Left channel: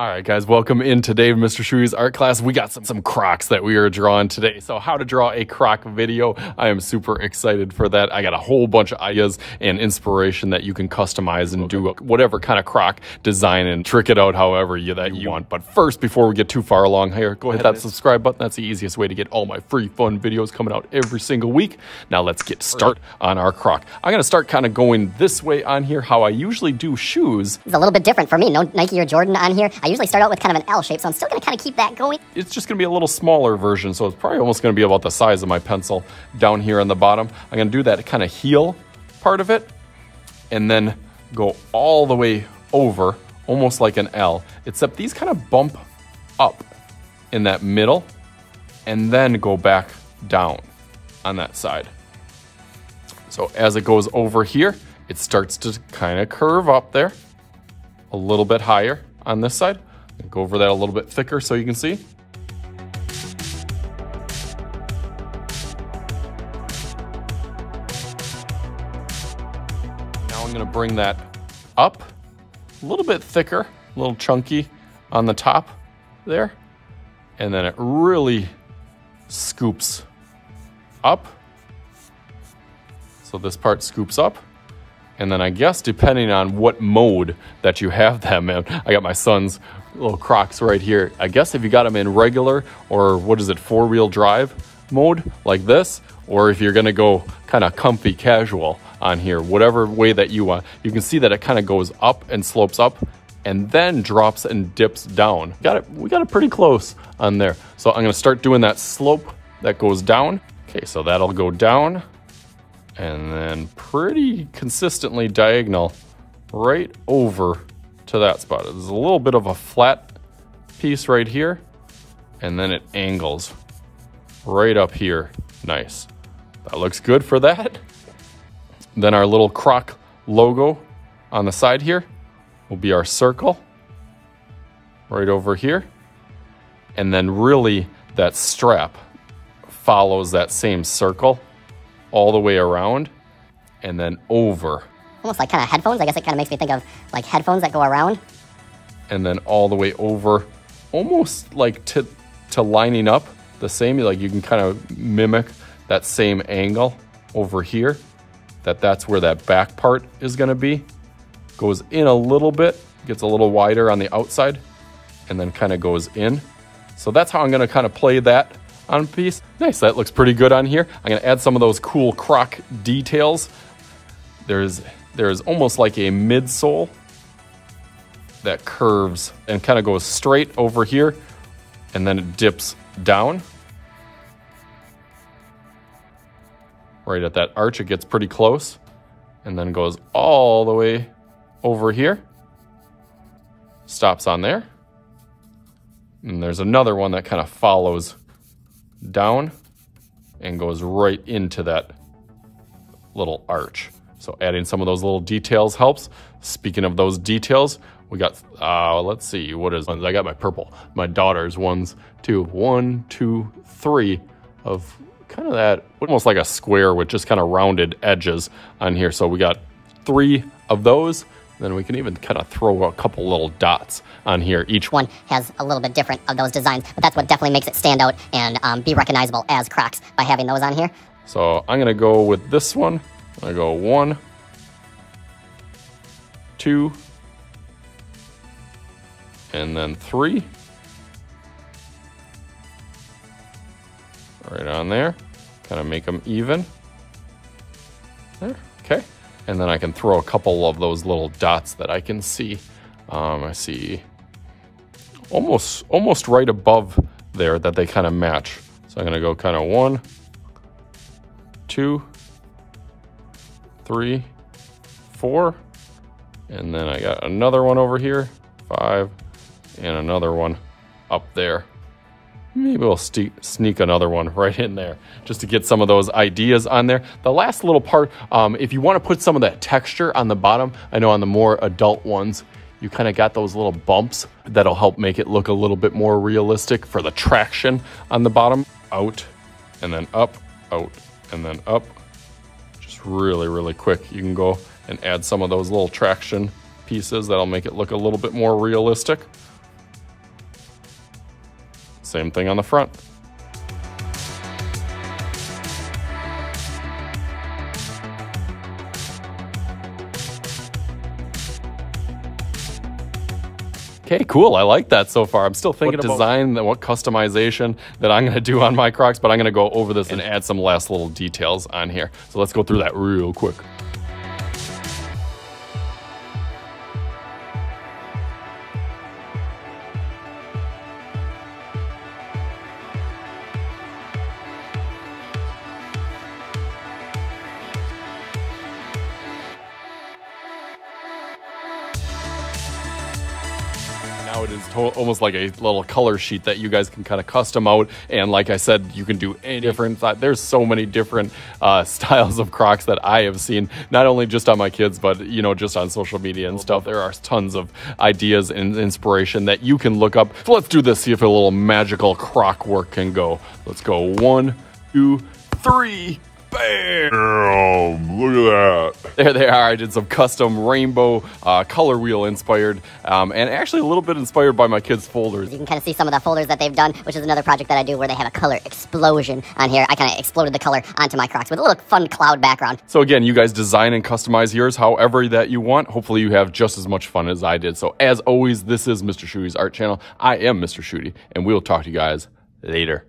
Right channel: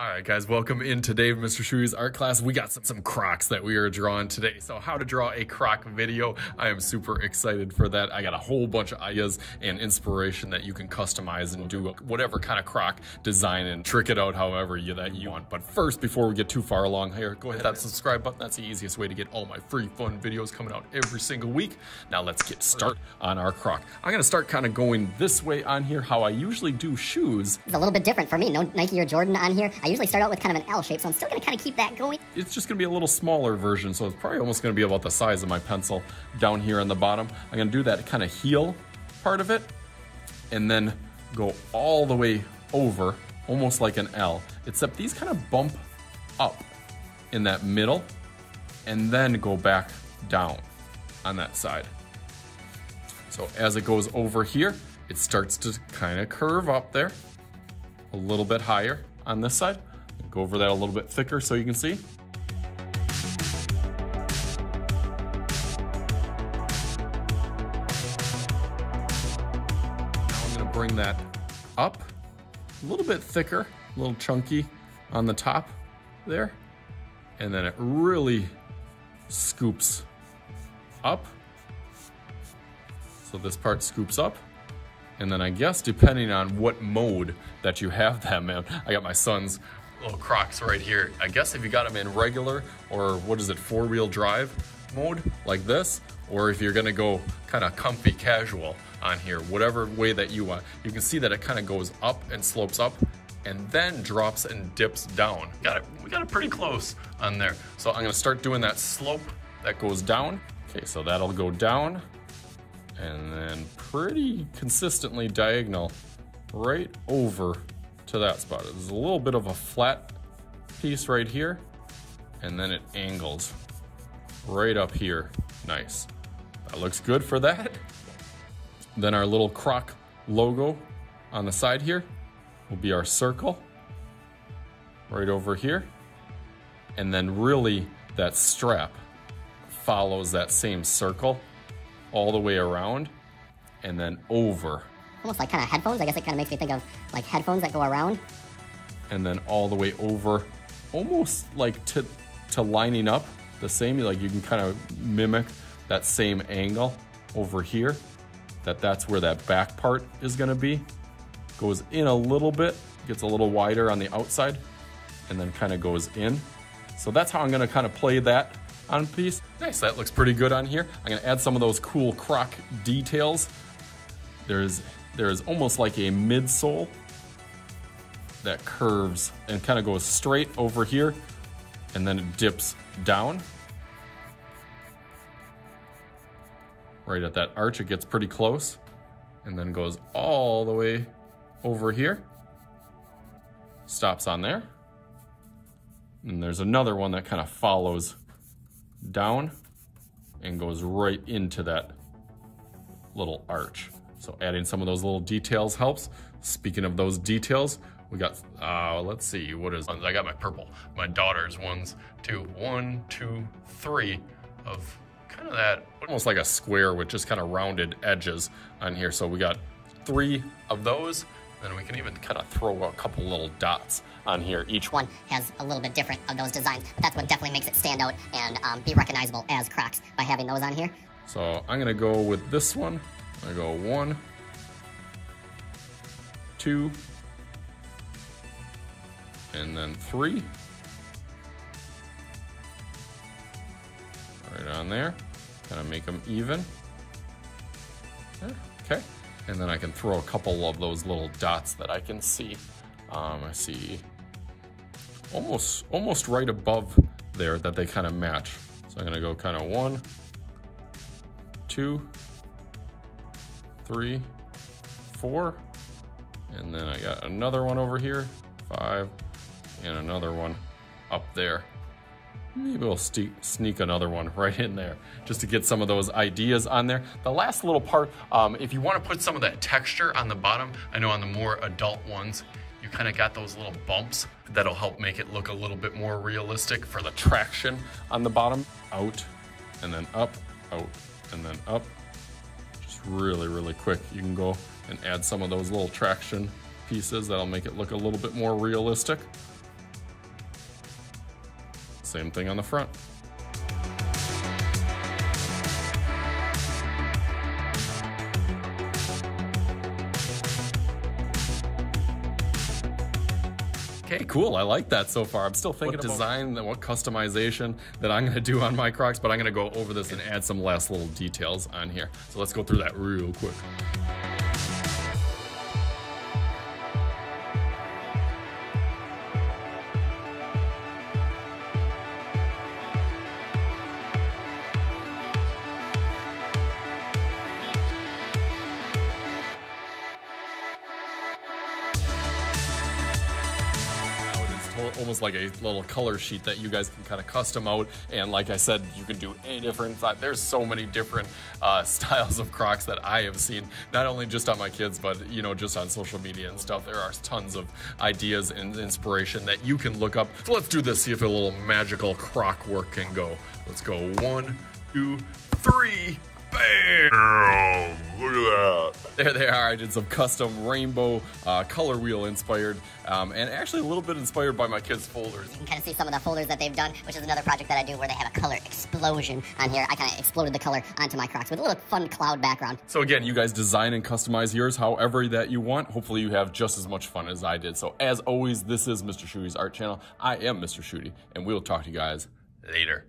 All right, guys, welcome in today, Mr. Shuey's art class. We got some Crocs that we are drawing today. So how to draw a Croc video. I am super excited for that. I got a whole bunch of ideas and inspiration that you can customize and do whatever kind of Croc design and trick it out however you want. But first, before we get too far along here, go ahead and hit that subscribe button. That's the easiest way to get all my free fun videos coming out every single week. Now let's get started on our Croc. I'm gonna start kind of going this way on here, how I usually do shoes. It's a little bit different for me. No Nike or Jordan on here. I usually start out with kind of an L shape, so I'm still going to kind of keep that going. It's just going to be a little smaller version, so it's probably almost going to be about the size of my pencil down here on the bottom. I'm going to do that kind of heel part of it, and then go all the way over, almost like an L, except these kind of bump up in that middle, and then go back down on that side. So as it goes over here, it starts to kind of curve up there, a little bit higher on this side. Go over that a little bit thicker so you can see. Now I'm going to bring that up a little bit thicker, a little chunky on the top there. And then it really scoops up. So this part scoops up. And then I guess depending on what mode that you have them in, I got my son's little Crocs right here. I guess if you got them in regular or what is it, 4-wheel drive mode like this, or if you're gonna go kind of comfy casual on here, whatever way that you want, you can see that it kind of goes up and slopes up and then drops and dips down. We got it pretty close on there. So I'm gonna start doing that slope that goes down. Okay, so that'll go down and then pretty consistently diagonal right over to that spot. There's a little bit of a flat piece right here, and then it angles right up here. Nice. That looks good for that. Then our little Croc logo on the side here will be our circle right over here. And then really that strap follows that same circle all the way around and then over. Almost like kind of headphones. I guess it kind of makes me think of like headphones that go around. And then all the way over, almost like to lining up the same, like you can kind of mimic that same angle over here, that's where that back part is gonna be. Goes in a little bit, gets a little wider on the outside, and then kind of goes in. So that's how I'm gonna kind of play that on a piece. Nice, that looks pretty good on here. I'm gonna add some of those cool Croc details. There's almost like a midsole that curves and kind of goes straight over here, and then it dips down. Right at that arch, it gets pretty close, and then goes all the way over here. Stops on there. And there's another one that kind of follows down and goes right into that little arch. So adding some of those little details helps. Speaking of those details, we got, let's see, what is, I got my purple, my daughter's ones too. 1, 2, 3 of kind of that, almost like a square with just kind of rounded edges on here. So we got 3 of those. Then we can even kind of throw a couple little dots on here. Each one has a little bit different of those designs, but that's what definitely makes it stand out and be recognizable as Crocs by having those on here. So I'm gonna go with this one. I go 1, 2, and then 3. Right on there. Kind of make them even. There, okay. And then I can throw a couple of those little dots that I can see. I see almost right above there that they kind of match. So I'm gonna go kind of 1, 2, 3, 4, and then I got another one over here, 5, and another one up there. Maybe we'll sneak another one right in there just to get some of those ideas on there. The last little part, if you want to put some of that texture on the bottom, I know on the more adult ones, you kind of got those little bumps that'll help make it look a little bit more realistic for the traction on the bottom. Out, and then up, out, and then up. Really, really quick. You can go and add some of those little traction pieces that'll make it look a little bit more realistic. Same thing on the front. Okay, cool. I like that so far. I'm still thinking what design, what customization that I'm going to do on my Crocs, but I'm going to go over this and add some last little details on here. So let's go through that real quick. It is almost like a little color sheet that you guys can kind of custom out, and like I said, you can do any different. There's so many different styles of Crocs that I have seen, not only just on my kids, but you know, just on social media and stuff. There are tons of ideas and inspiration that you can look up. So let's do this, see if a little magical Croc work can go. Let's go 1, 2, 3. Bam! Look at that. There they are. I did some custom rainbow color wheel inspired, and actually a little bit inspired by my kids' folders. You can kind of see some of the folders that they've done, which is another project that I do where they have a color explosion on here. I kind of exploded the color onto my Crocs with a little fun cloud background. So again, you guys design and customize yours however that you want. Hopefully you have just as much fun as I did. So as always, this is Mr. Shooty's Art Channel. I am Mr. Shooty, and we'll talk to you guys later.